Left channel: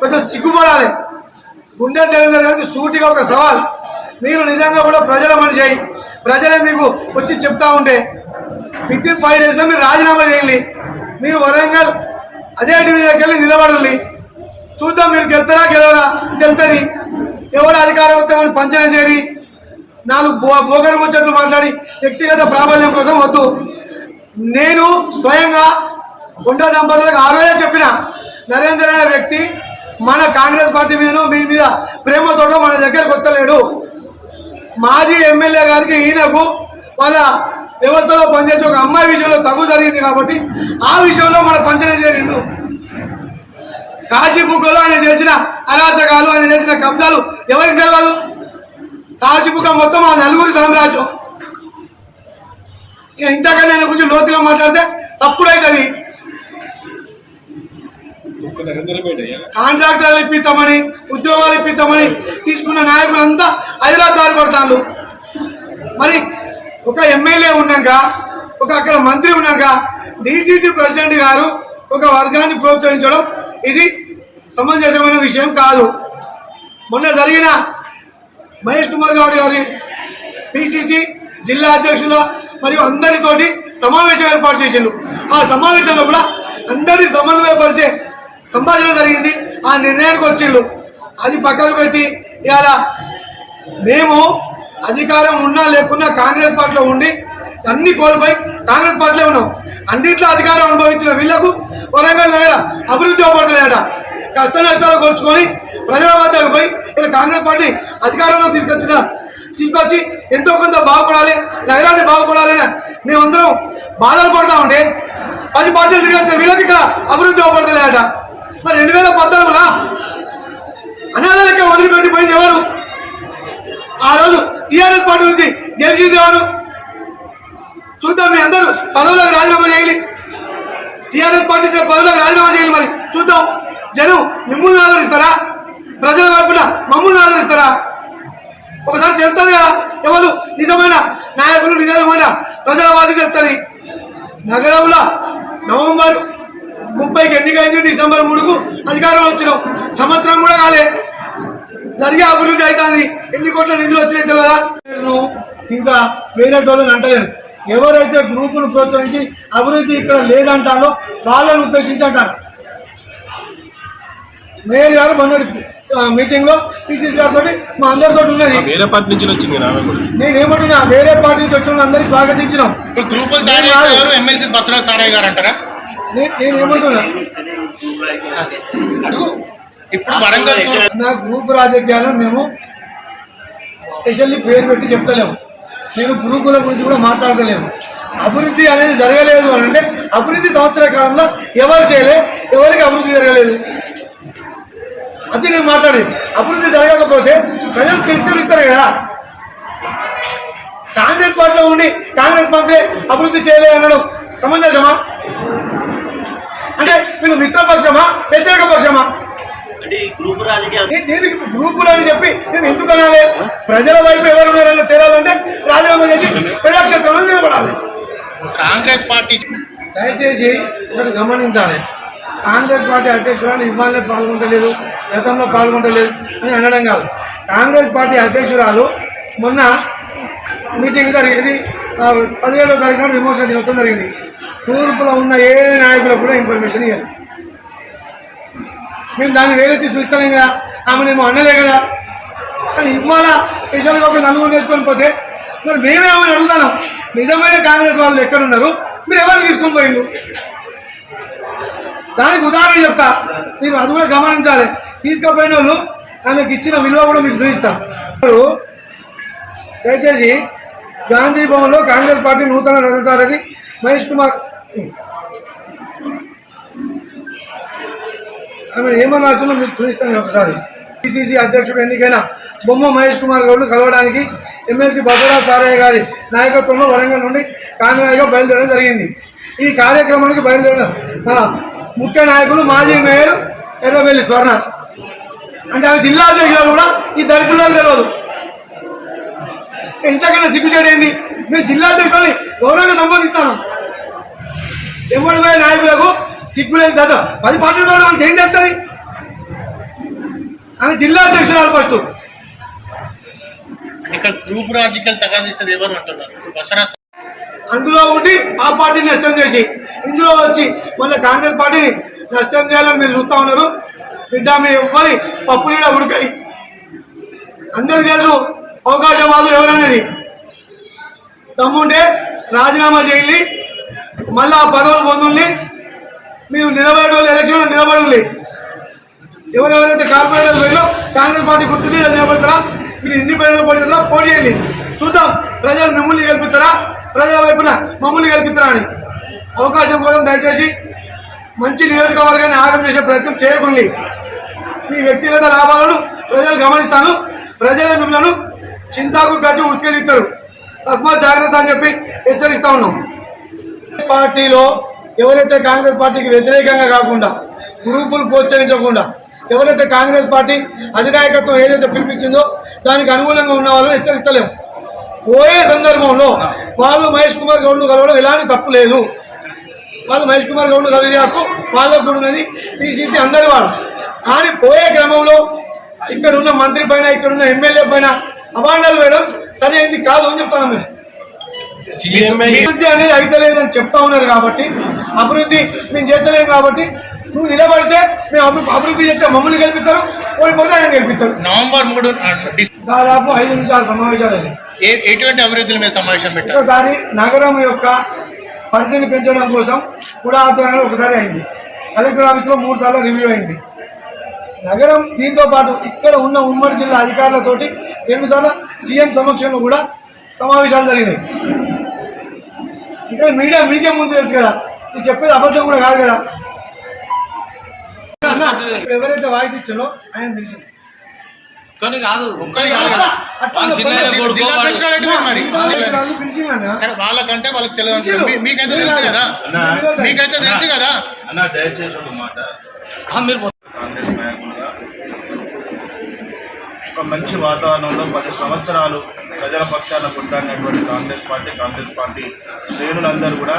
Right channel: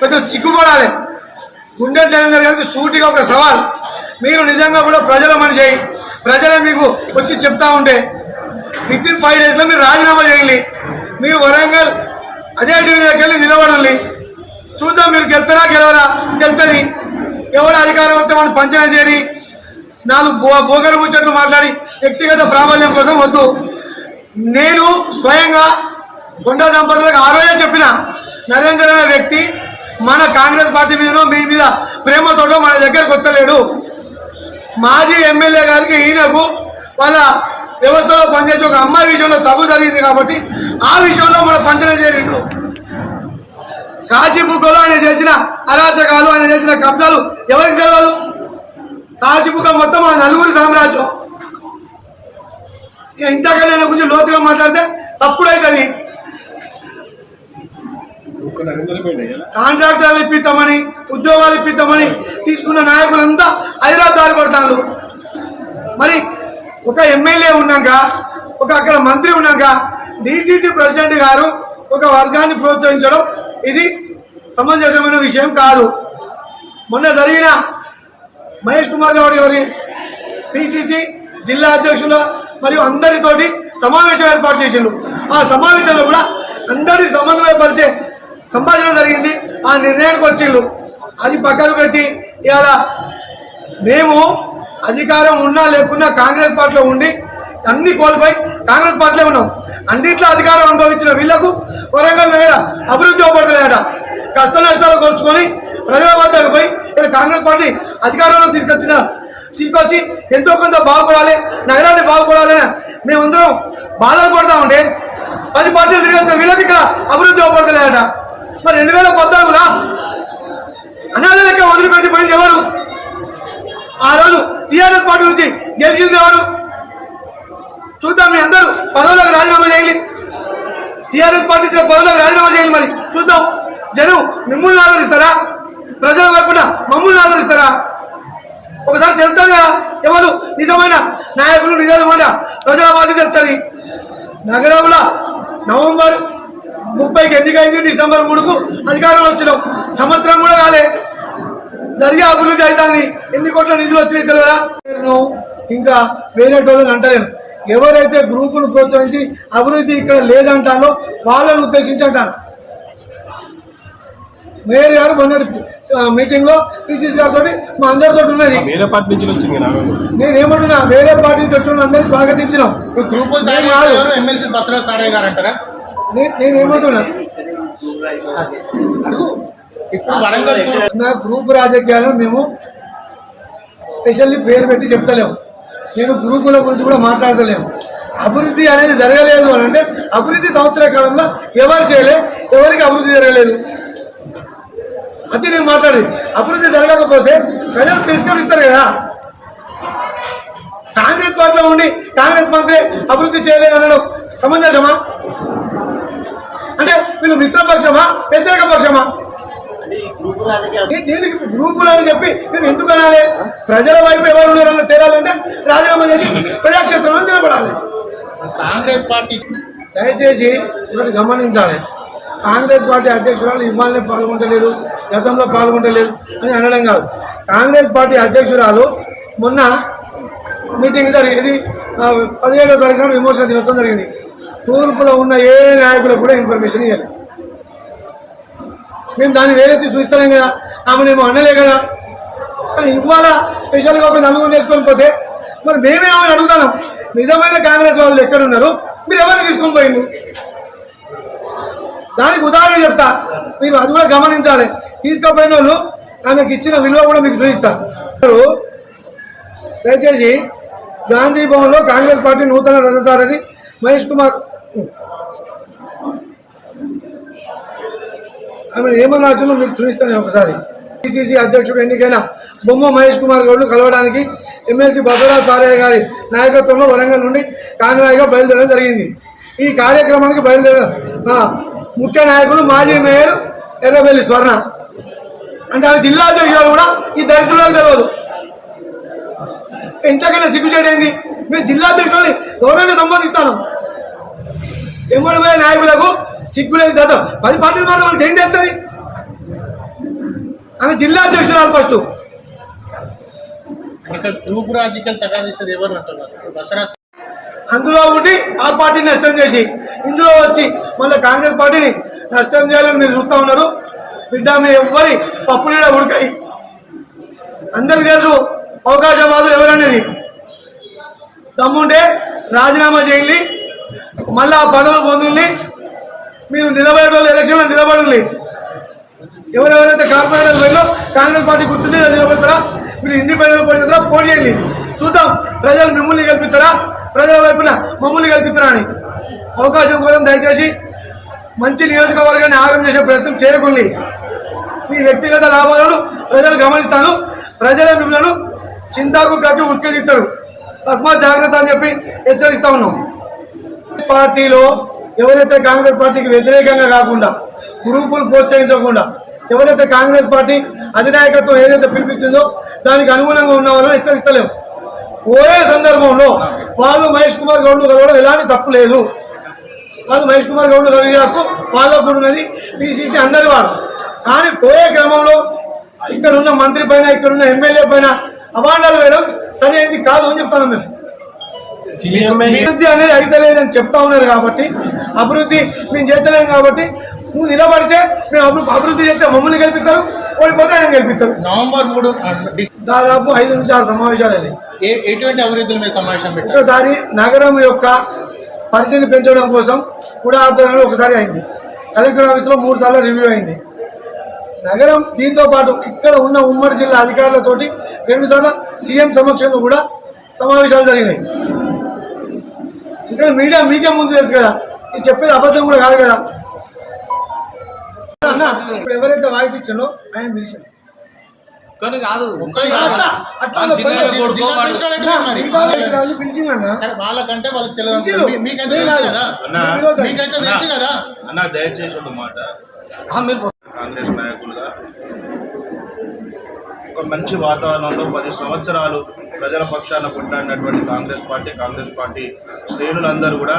కొంచెం సిగ్గుపడాలి. గుండె నరేందర్ గారికి సూటిగా ఒక సవాల్, మీరు నిజంగా కూడా ప్రజల మనిషి అయ్యి ప్రజలే మీకు వచ్చి చెప్తా ఉంటే వితిన్ 5 days మీరు రాజీనామా చేయాలి. మీరు వరంగల్ అదే డివిజన్కి వెళ్ళి నిలబడాలి. చూద్దాం మీరు గెలుతారా గెలవరా, గెలుతుంది. ఎవరు అధికారం వస్తే మనం పంచన చేరి 4 బోగరు ముచ్చట్లు మాట్లాడి వ్యక్తిగత ప్రాబల్యం కోసం వద్దు. నేను స్వయంగా కొండా దంపతులకు ఆ రోజే చెప్పిన, నరేందర్ అనే వ్యక్తి మన కాంగ్రెస్ పార్టీ మీదనో మీ మీద ప్రేమతోటో మన దగ్గరకు వస్తలేడు. మాజీ ఎమ్మెల్యే గారికి ఈయనకు వాళ్ళ వ్యవస్థలో పనిచేసే ఒక అమ్మాయి విషయంలో తగు జరిగింది కాబట్టి ఆ విషయంలో మన పంచన చేరిండు. కాశీబుక్కలో ఆయన చేసిన అరాచకాలు, ఆయన చేసిన కబ్జాలు ఎవరికి తెలియదు. కాశీబుక్క మొత్తం ఆ 4 సామ్రాజ్యం. ఇక ఇంతకన్నా ఆయన గురించి లోతుగా మాట్లాడితే తప్పుడైతుంది. కాంట్రాక్టర్లు ఇప్పిస్తామని, ఉద్యోగాలు ఇప్పిస్తామని తీసుకున్న నాయకులంతా హైదరాబాద్ పడతారు. మరి ఒక ఎమ్మెల్యే ఉన్నాక, ఒక అక్కడ మంత్రి ఉన్నాక డిసిసి ప్రెసిడెంట్ గారు ఒక వర్గాన్ని ప్రోత్సహించడం ఇది సమంజసమైన విషయం కాదు. మొన్న జరిగిన మహేష్ కుమార్ గౌడ్ గారి పిసిసి జిల్లా అధ్యక్షుల మరియు అందరితోటి సమావేశం ఏర్పాటు చేసిండు. ఆ సమావేశంలో కూడా అందరినీ సమన్వయపరిచే సంభాషణ జరిగింది. ఆ నిర్ణయానికి వచ్చిండు. అది పక్కకు పెట్టి ఇవాళ మేము అధికారం ఉన్నా లేకున్నా కాంగ్రెస్ పార్టీలో ఉండి అన్ని కోల్పోయి కాంగ్రెస్ పార్టీలో ఉన్నాం. అన్నింటిలో అధికారం అనుభవించిన వీళ్లకు వరంగల్ నగర అభివృద్ధి అవ్వబడలేదట. కష్ట నష్టాలు కోర్చుకొని ప్రజల వద్దకు పోయి ఇలా కాంగ్రెస్ పార్టీ అధికారంలో తీసుకొచ్చి ఎంతో కొంత బాగుపడాలి, నగరాన్ని బాగుపడాలని మేమందరం బాధలు పడతా ఉంటే 10 పార్టీలు తిరిగి వీళ్ళకి ఇక్కడ అభివృద్ధి అవ్వబడలేదట. మరి 2014లో అనాథలకే వదిలిపెట్టిపోయింది ఎవరు? ఆ రోజు టీఆర్ఎస్ పార్టీ నుంచి గెలిచింది ఎవరు? చూద్దాం. మీ అందరూ పదవులకు రాజీనామా చేయాలి. టీఆర్ఎస్ పార్టీ పదవులకు రాజీనామా చేయాలి. మరి చూద్దాం, జనం మిమ్మల్ని ఆదరిస్తారా, ప్రజల వైపున మమ్మల్ని ఆదరిస్తారా? ఒకసారి తెలుస్తుందిగా ఎవరు నిజమైన నాయకులు, నిజమైన ప్రజల వాది తెలుస్తుంది. నగరంలో నవంబర్ 30కి ఎన్నికైంది, డిసెంబర్ 3కు అధికారంలో వచ్చినాం. సంవత్సరం కూడా కాలే, జరిగే అభివృద్ధి అవుతుంది. ఎన్ని కోట్ల నిధులు వచ్చినాయి తెలియదా? ఇంకా వేరే టోళ్ళని అంటలేను. ఎవరైతే గ్రూపును ప్రోత్సహించి అభివృద్ధి ఇక్కడ లేదంటారో వాళ్ళని ఉద్దేశించి అంటారు. మేయర్ గారు మొన్నటి మీటింగ్ లో పిసిసి గారితో మా అందరితో ఉన్నది. నేనేమంటున్నా, వేరే పార్టీ నుంచి వచ్చిన అందరికి స్వాగతించినాం. నేనేమంటున్నా, నా గ్రూప్ రాజకీయాలను మేము స్పెషల్లీ పేరు పెట్టి చెప్తలేము. నేను గ్రూపుల గురించి కూడా మాట్లాడతలేము. అభివృద్ధి అనేది జరగలేదు అని అంటే అభివృద్ధి సంవత్సర కాలంలో ఎవరు చేయలే, ఎవరికి అభివృద్ధి జరగలేదు అది నేను మాట్లాడి. అభివృద్ధి జరగకపోతే ప్రజలు తిరస్కరిస్తారు కదా. కాంగ్రెస్ పార్టీలో ఉండి కాంగ్రెస్ మంత్రి అభివృద్ధి చేయలేదు అనడం సమంజసమా? అంటే వీళ్ళు మిత్రపక్షమా, వ్యతిరేక పక్షమా? దీనికి గ్రూపులు అని చెప్పి నేను ఎందుకు అనాలి? ప్రజల వైపు ఎవరు ఉన్నారన్న తేడాలంటే రాజీనామా చేసి ప్రజాక్షేత్రంలో నిలబడాలి. కాంగ్రెస్ పార్టీ దయచేసి ఒకటి గమనించాలి. కాంగ్రెస్ పార్టీ అధ్యక్షురాలు ఇవాళనే పాల్గొంటలేదు, గతంలో పాల్గొంటలేదు అని అనడం కాదు. కాంగ్రెస్ పార్టీ అధ్యక్షురాలు మొన్న మీటింగ్ జరిగింది, 17వ తారీఖున విమోచన దినోత్సవం జరిగింది. తూర్పులో ఉన్న ఏ నాయకులకు కూడా ఇన్ఫర్మేషన్ ఇవ్వాలి. మేము దాన్ని వేరెత్తి చూస్తాం కదా, ఆమెనేమో అనలే కదా. కానీ ఇవాళ స్పెషల్గా ఒక నలుగురు నేర్చుకొని పోతే మరి మేమేమని అడుగుతాను, నిజమైన కాంగ్రెస్ వాళ్ళు ఎక్కడున్నారు, మీరు ఎవరిని తీసుకొని పోయిండు? దానికి ఉదాహరణ చెప్తా, మీరు అది కూడా గమనించాలి. తీసుకుపోయిన వాళ్ళు ఆమెకు ఇచ్చిన విలువ కూడా మీకు చూపిస్తా. దయచేసి గాంధీ భవన్లో కాంగ్రెస్ పార్టీ నూతన రథసారథి మహేష్ కుమార్ ఆమె ఏమన్నా వచ్చులో మీకు చూపిస్తాను ఒకసారి. పిసిసి అధ్యక్షుడు ఎన్నికైన బొమ్మ మహేష్ కుమార్ గౌడ్ను కలవడానికి ఎమ్మెల్సీ భద్రరా సారయ్య గారి నాయకత్వంలో వరంగల్ నుండి కాన్వాయ్గా బయలుదేరడం జరిగింది. ఈ కార్యక్రమానికి ముఖ్య నాయకులు మాజీ మేయర్ ఎర్రబెల్లి స్వర్ణ. అంటే ఆమె జిల్లా అధ్యక్షులు కూడా ఈ దళితులకు తెలియదు. ఇంతకన్నా సిగ్గుచేటైంది. మేము జిల్లా అధ్యక్షులని గౌరవంగా సంబోధిస్తాను. ఎమ్మడిపోయే నాయకులకు సిగ్గులేని దత్తం 10 పార్టీల మాట మనకి ఏం చేస్తుంది? ఆమె జిల్లా అధ్యక్షురాలు ఫస్ట్. ఇక్కడ గ్రూప్ రాజకీయాలు తగాదిస్తుంది ఎవరు అంటున్నారు. బసరా అందులో ఉండి ఆ పార్టీని నష్టం చేసి ఇందులో వచ్చి మళ్ళీ కాంగ్రెస్ పార్టీని నష్టం చేయాలని మీరు చూస్తూ ఉన్నారు. బిడ్డ మీ ఎవ్వరి పప్పులు కూడా ఉడకాయి. అందరికి తెలుసు అవకాశవాదులు ఎవరనేది. దమ్ముంటే రాజీనామా చేయాలి, మళ్ళీ ఆ పదవులు పొందుల్ని. మీరు నిలబడే వాళ్ళు ఎలక్షన్లో నిలబడాలి. ఎవరెవరైతే కార్పొరేటర్ వెళ్ళో కాంగ్రెస్ పార్టీ గుర్తు మీద నిలబడతారా, మీరు ఇండిపెండెంట్ పోటీ చేస్తారా, పోటీ చేయండి. చూద్దాం ప్రజలు మిమ్మల్ని గెలిపిస్తారా, ప్రజల వైపున మమ్మల్ని గెలిపిస్తారా అని. అవకాశం కోసం దయచేసి మంచి నియోజకవర్గాన్ని ఆగం చేసే ప్రయత్నం చేయకండి. మీ వ్యక్తిగత లాభాలను ప్రజలు గమనిస్తాను. ప్రజలే మిమ్మల్ని చింతాకు కట్టి ఉత్కేదిస్తారు. తస్మాత్ జాగ్రత్త అని చెప్పి హెచ్చరిస్తా ఉన్నాం. పార్టీలో ఎవరైతే కాంగ్రెస్ పార్టీకి వ్యతిరేకంగా కాకుండా, గ్రూపులు ప్రోత్సహించకుండా, ఎవరైతే కాంగ్రెస్ పార్టీ అధినాయకత్వం ఏదైతే పిలిపించిందో దానికి అనుగుణంగా ఉన్న వాళ్ళని హెచ్చరిస్తలేము. పోయే సందర్భంలో వాళ్ళు మహేష్ కుమార్ గౌడ్ను కలవడం ఎలాంటి తప్పు లేదు. వాళ్ళు మహేష్ కుమార్ గౌడ్ను కలిగే హక్కు వాళ్ళకు కూడా ఉన్నది, పిసిసి అందరి వాళ్ళు. కానీ పోయే క్రమంలో ఇక్కడ ఉన్న మంత్రి పైన, ఇక్కడ ఉన్న ఎమ్మెల్యే పైన అభాండాలు వేయడం సరైనది కాదు అని చెప్తాను. మేము అభివృద్ధి అనేది అయితే లేదని చెప్తా ఉన్నారు కాబట్టి, అభివృద్ధి మేము చేస్తలేము కాబట్టి, నువ్వు నిలబడితే మేము అభివృద్ధి చేస్తే మమ్మల్ని గెలిపిస్తారు, ఓడిపోతే ఆయన గెలిపిస్తారు. నవంబర్ 3 దాదాపు 5 నుంచి 6 సమావేశాలు. ఎటువంటి అభివృద్ధుల మీద సమావేశం పెట్టారు. ఒకసారి నగరం యొక్క పరిధిని పెంచడం కోసం కూడా ఆధ్వర్యంలో ఒకసారి అయింది. కలెక్టర్ ఆఫీస్లో 3 సార్లు రివ్యూ అయింది. నగరం దీంతో పాటు ఇక్కడ ఉన్న ఉమ్మడి జిల్లా అధికారులతోటి 2 సార్లు సీఎం సమక్షంలో కూడా సమావేశాలు జరిగినాయి. ఇక్కడ మీడియా మీకే ముందు తెలుసు కదా, ఇది చెప్పేది అబద్ధం కూడా కాదు కదా. ఇప్పుడు ఎవరైతే వాయిస్ ఇచ్చారో ఆయన పిలిచారు. వాళ్ళకంటే వాళ్ళకి తెలియదు. మీకైతే తెలుసు కదా, మీకైతే తెలుసు కదా అన్న. దయచేసి ఒక మాట, కాంగ్రెస్ నాయకులుగా ఒక మంచి వాతావరణంలో 10 సంవత్సరాలు ప్రజల పక్షాన కొట్లాడినటువంటి కాంగ్రెస్ పార్టీ శ్రేణులందరూ కూడా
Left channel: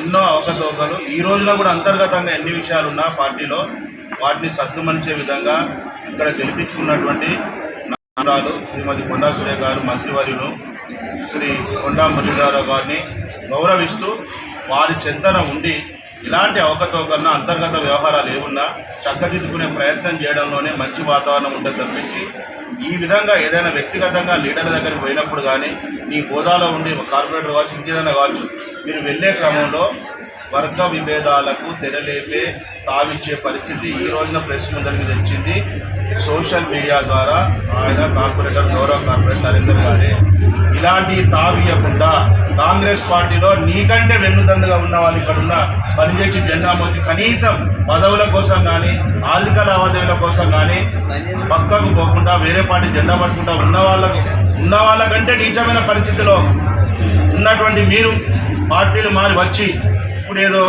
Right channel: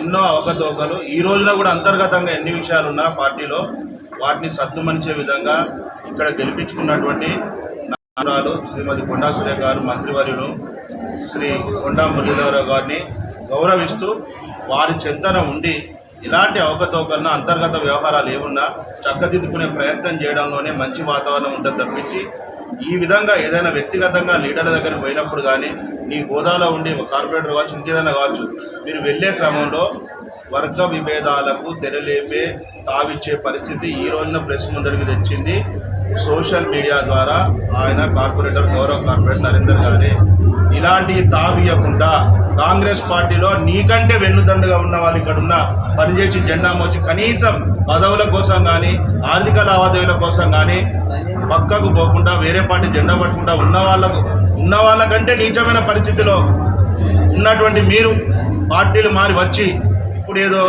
ఎన్నో అవకతవకలు ఈ రోజున కూడా అంతర్గతంగా ఎన్ని విషయాలున్నా పార్టీలో వాటిని సద్దుమనిచే విధంగా ఇక్కడ గెలిపించుకున్నటువంటి నాయకురాలు శ్రీమతి కొండా సురేఖ గారు, మంత్రివర్యులు శ్రీ కొండా మురళీధరరావు గారిని గౌరవిస్తూ వారి చెంతన ఉండి ఇలాంటి అవకతవకలను అంతర్గత వ్యవహారాలు ఏమున్నా చక్కదిద్దుకునే ప్రయత్నం చేయడంలోనే మంచి వాతావరణం ఉంటుంది తప్పించి ఈ విధంగా ఏదైనా వ్యక్తిగతంగా లీడర్ల దగ్గరికి పోయినప్పుడు కానీ నీ హోదాలో ఉండి కార్పొరేటర్ కావచ్చు, ఇంకేదైనా కావచ్చు, మీరు వెళ్ళే క్రమంలో వర్గ విభేదాలకు తెరలేపే తావిచ్చే పరిస్థితి ఈ రోజున ప్రెస్ ముందరికి తెచ్చింది సోషల్ మీడియా ద్వారా ఆయన గౌరవ కార్పొరేటర్ నరేందర్ గారే. ఇలాంటి తావియకుండా కాంగ్రెస్ పార్టీలో నీకంటే వెన్నుదండుగా ఉన్న వాళ్ళు ఇక్కడ ఉన్న పనిచేసి జెండా మోచి కనీసం పదవుల కోసం కానీ ఆర్థిక లావాదేవీల కోసం కానీ పక్కకు పోకుండా వేరే పార్టీ జెండా పట్టుకుంటా ఉన్న వాళ్ళకంటే నీచమైన పరిస్థితిలో ఉన్నటువంటి మీరు పార్టీలు మారి వచ్చి ఇప్పుడు ఏదో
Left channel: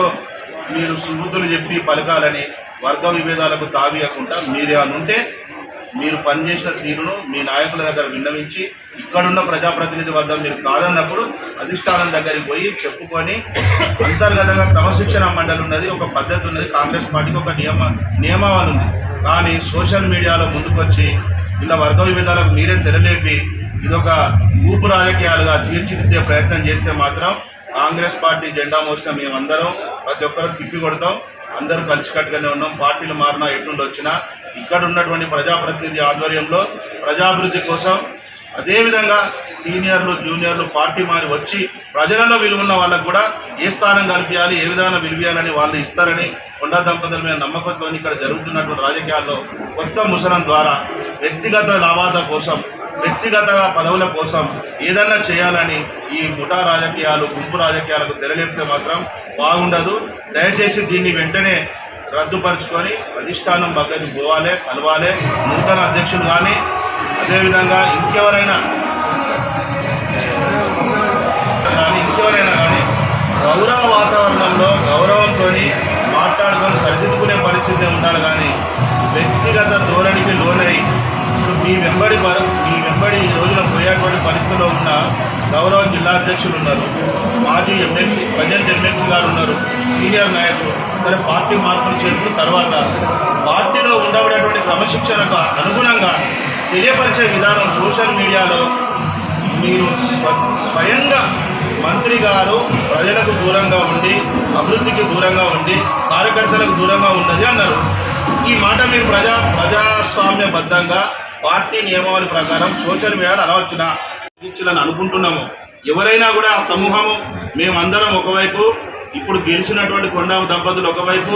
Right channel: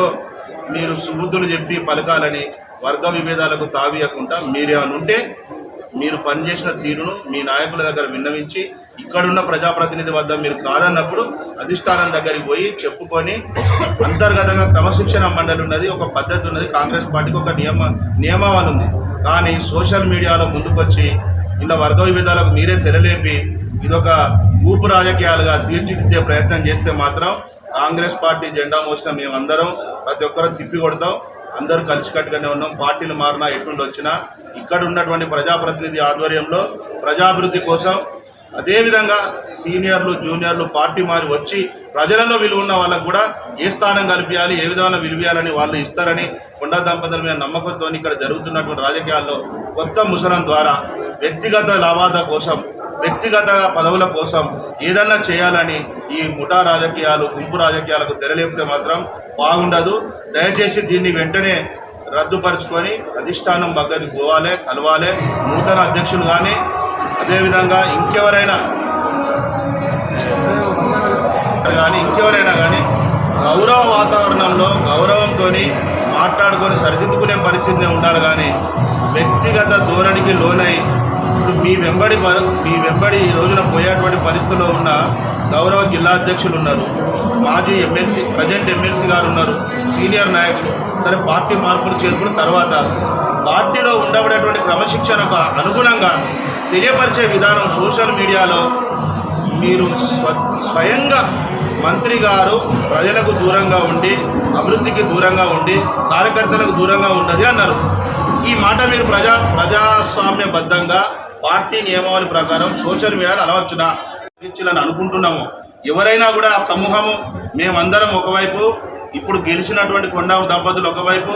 మీరు స్మృతులు చెప్పి పలకాలని వర్గ విభేదాలకు తావియకుండా మీరేమనుంటే మీరు పనిచేసిన తీరును మీ నాయకుల దగ్గర విన్నవించి ఇక్కడున్న ప్రజాప్రతినిధి వద్ద మీరు కాదన్నప్పుడు అధిష్టానం దగ్గరికి పోయి చెప్పుకొని అంతర్గతంగా క్రమశిక్షణ మండలి ఉన్నది, ఒక పద్ధతి ఉన్నది. కాంగ్రెస్ పార్టీకి ఒక నియమావళి ఉంది. కానీ సోషల్ మీడియాలో ముందుకొచ్చి ఇలా వర్గ విభేదాలకు మీరే తెరలేపి ఇదొక ఊపు రాజకీయాలుగా తీర్చిదిద్దే ప్రయత్నం చేస్తే మాత్రం కాంగ్రెస్ పార్టీ జెండా మోసిన మేమందరం ప్రతి ఒక్కరూ తిప్పి కొడతాం. అందరూ కలిసికట్టుగానే ఉన్నాం. పార్టీలు మారినా ఎట్లుండి వచ్చినా ఇక్కడ ఉన్నటువంటి ప్రజాప్రతినిధి ఆధ్వర్యంలో ప్రజాభివృద్ధి కోసం, అదేవిధంగా సీనియర్లు జూనియర్లు పార్టీ మారి వచ్చి ప్రజలలో విలువ ఉన్న వాళ్ళకు కూడా ఏ స్థానం కల్పించాలి, ఏ విధంగా విలువయాలని వాళ్ళు ఇస్తారని కొండా దంపతుల మీద నమ్మకంతో ఇక్కడ జరుగుతున్నటువంటి రాజకీయాల్లో కొత్త ముసలం ద్వారా వ్యక్తిగత లాభాల కోసం, వ్యక్తిగత పదవుల కోసం ఏదన్నా చేయాలని ఈ ముఠా రాజకీయాలు, గుంపు రాజకీయాలకు తెరలేపితే మాత్రం బాగుండదు. దయచేసి దీన్ని వెంటనే రద్దుపరుచుకొని అధిష్టానం దగ్గరికి పోవాలి, కలవాలి. నూతన అధ్యక్షులు కానీ అదేవిధంగా ఇంకెవరైనా కానీ గౌరవ వాతావరణంలో గౌరవంతో మాట్లాడుకొని సరిదిద్దుకునే పరిస్థితి ఉండాలి. కానీ వ్యక్తిగత ధోరణికి లోనై మీ వెంబడి ఈ రోజున పోయేటువంటి పరిస్థితిలో ఉన్న గౌరవ జిల్లా అధ్యక్షులు ఉన్నారు, మాజీ ఎమ్మెల్సీ, ప్రజెంట్ ఎమ్మెల్సీ గారు ఉన్నారు, సీనియర్ నాయకులు. సరే పార్టీ మార్పులు చేర్పులు తర్వాత పార్టీలో ఉండబడేటువంటి క్రమశిక్షణకు అనుగుణంగా తెలియపరిచే విధానం సోషల్ మీడియాలో మీరు స్వయంగా మంత్రి గారు ప్రజలకు దూరంగా ఉండి అభివృద్ధికి దూరంగా ఉండి కార్యకర్తలకు దూరంగా ఉన్నది అన్నారు. ఈ మాట మీరు ప్రజాస్వామ్యబద్ధంగా పార్టీ నియమావళి ప్రకారం సోషల్ మీడియాలో అలవచ్చునా ఇచ్చాలని అనుకుంటున్నాము. ఎవరైనా కూడా ఆ సమూహము మేమందరం ఒకవైపు, ఇప్పుడు గెలిచినటువంటి కొండా దంపతులు ఒకవైపు,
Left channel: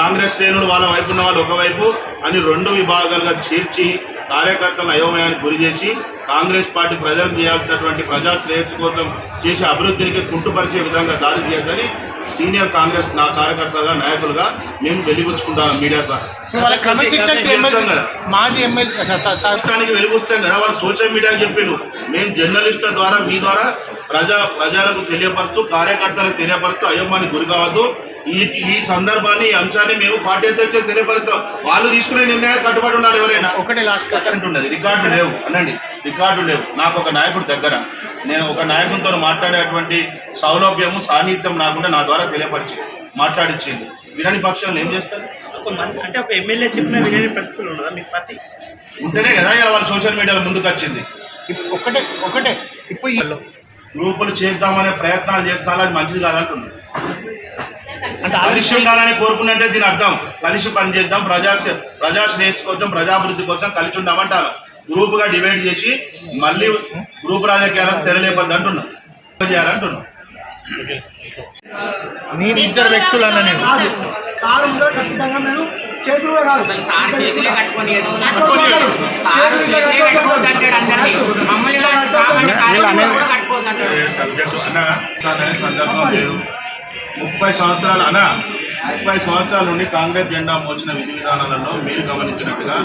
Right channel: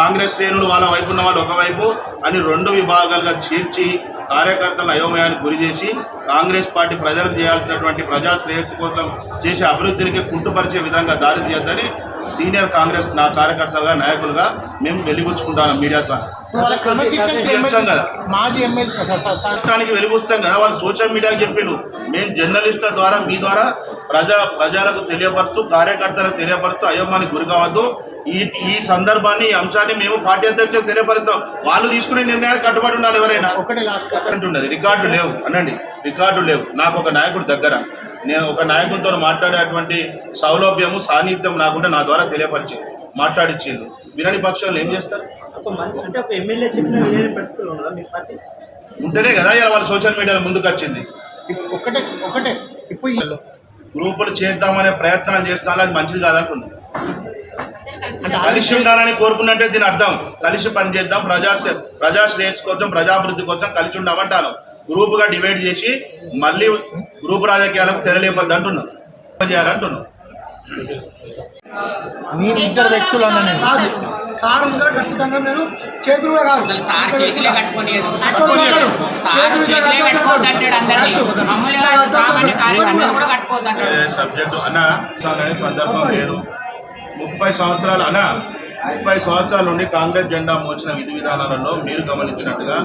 కాంగ్రెస్ శ్రేణులు వాళ్ళ వైపు ఉన్న వాళ్ళు ఒకవైపు అని రెండు విభాగాలుగా చేర్చి కార్యకర్తలను అయోమయానికి గురి చేసి కాంగ్రెస్ పార్టీ ప్రజలకు చేయాల్సినటువంటి ప్రజా శ్రేయస్సు కోసం చేసే అభివృద్ధికి కుంటుపరిచే విధంగా దారి తీయద్దని సీనియర్ కాంగ్రెస్ నా కార్యకర్తలుగా నాయకులుగా మేము వెలిబుచ్చుకుంటాను మీడియా ద్వారా. మాజీ ఎమ్మెల్యే రాష్ట్రానికి వెలిబుచ్చాం కదా, వాళ్ళు సోషల్ మీడియాకి చెప్పిండు. మేము జర్నలిస్టుల ద్వారా మీ ద్వారా ప్రజలకు తెలియపరుస్తూ కార్యకర్తలకు తెలియపరుస్తూ అయోమానికి గురి కావద్దు. ఈ సందర్భాన్ని ఈ అంశాన్ని మేము పార్టీ అధ్యక్షులకు తెలియపరుస్తాం. వాళ్ళు తీసుకునే నిర్ణయానికి కట్టుబడి ఉండాలి. ఎవరైనా ఒకటే లాస్ట్ ఉండదు, రికార్డులు లేవు అనండి, రికార్డులు లేవు. నాకు ఒక నాయకుడి దగ్గర నేను ఒక నాయకుడితో మాట్లాడేటువంటి సౌలభ్యము సాన్నిధ్యం నాకుంటే నా ద్వారా తెలియపరిచి మాట్లాడిచ్చింది. వినని పక్షంలో ఏం చేస్తారు? అంటే ఒక ఎమ్మెల్యే చెప్పిన వినని పరిస్థితులు ఉన్నదా మీ పార్టీ? ఉంటేనే కదా ఇలా వాళ్ళు సోషల్ మీడియాలో ముందుకు వచ్చింది. ఒకటే ఇప్పుడు గ్రూపులు చేద్దామనే ప్రయత్నాలు చేస్తాను, అది మంచిది కాదంటున్నాను. కలిసి ఉండాలని కోరుకున్నట్టే దీని అర్థం. కలిసి పనిచేద్దాం, ప్రజా శ్రేయస్సు కోసం ప్రజాభివృద్ధి కోసం కలిసి ఉండామంటాను. గ్రూపుగా డివైడ్ చేసి మళ్ళీ గ్రూప్ రాజకీయాలకు తెరలేపద్దు అంటున్నాం, చేయాలంటున్నాం. నేను ఇద్దరు వ్యక్తులు అన్నా నేను సార్ ముందర ఖచ్చితంగా మేము చేతులు కూడా కాదు సబ్జెక్టు అన్న సందర్భం లేదు. 30 సంవత్సరాలు అన్న 30 సంవత్సరాల నుండి కాంగ్రెస్ జెండా మోచిన విధి విధానాలలో మీరు గమనించినట్టుగా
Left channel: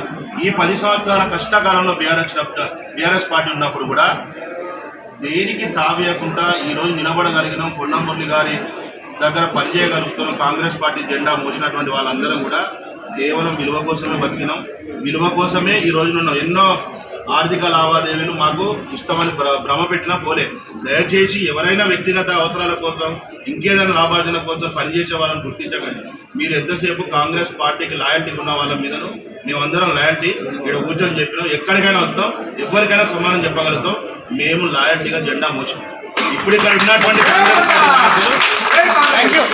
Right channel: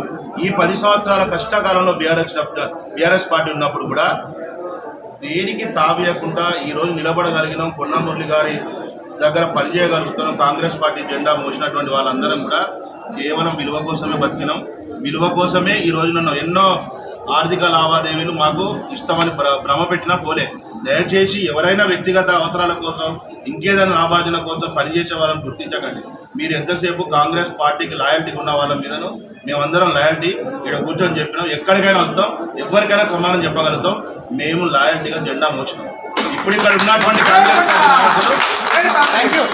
ఈ 10 సంవత్సరాల కష్టకాలంలో బీఆర్ఎస్ పార్టీ ఉన్నప్పుడు కూడా దేనికి తావేయకుండా ఈరోజు నిలబడగలిగినాం. పొన్నం మురళి గారి దగ్గర పనిచేయగలుగుతున్నాం. కాంగ్రెస్ పార్టీ జెండా మోసినటువంటి వాళ్ళందరం కూడా కేవలం విలువ కోసమే బతికినాం. విలువ కోసమే ఈ రోజు నన్ను ఎన్నో ఆర్థిక లావాదేవీలు మాకు ఇస్తామని భ్రమ పెట్టినా పోలే. దయచేసి ఎవరైనా వ్యక్తిగత అవసరాల కోసం ఇంకేదైనా లాభార్జన కోసం పనిచేసే వాళ్ళని గుర్తించకండి. మీరు ఎంతసేపు కాంగ్రెస్ పార్టీకి లాయల్టీ ఉన్న వాళ్ళ మీదను మేమందరం లాయల్టీ ఇక్కడ కూర్చొని చెప్పినాం. ఎక్కడికైనా వస్తాం, ఎవరికైనా సమానం చెప్పగలుగుతాం. మేము లాయల్టీగా జెండా మోసినాం. ఇప్పుడు ఇక్కడ ఉన్నటువంటి కాంగ్రెస్ పార్టీ నాయకులు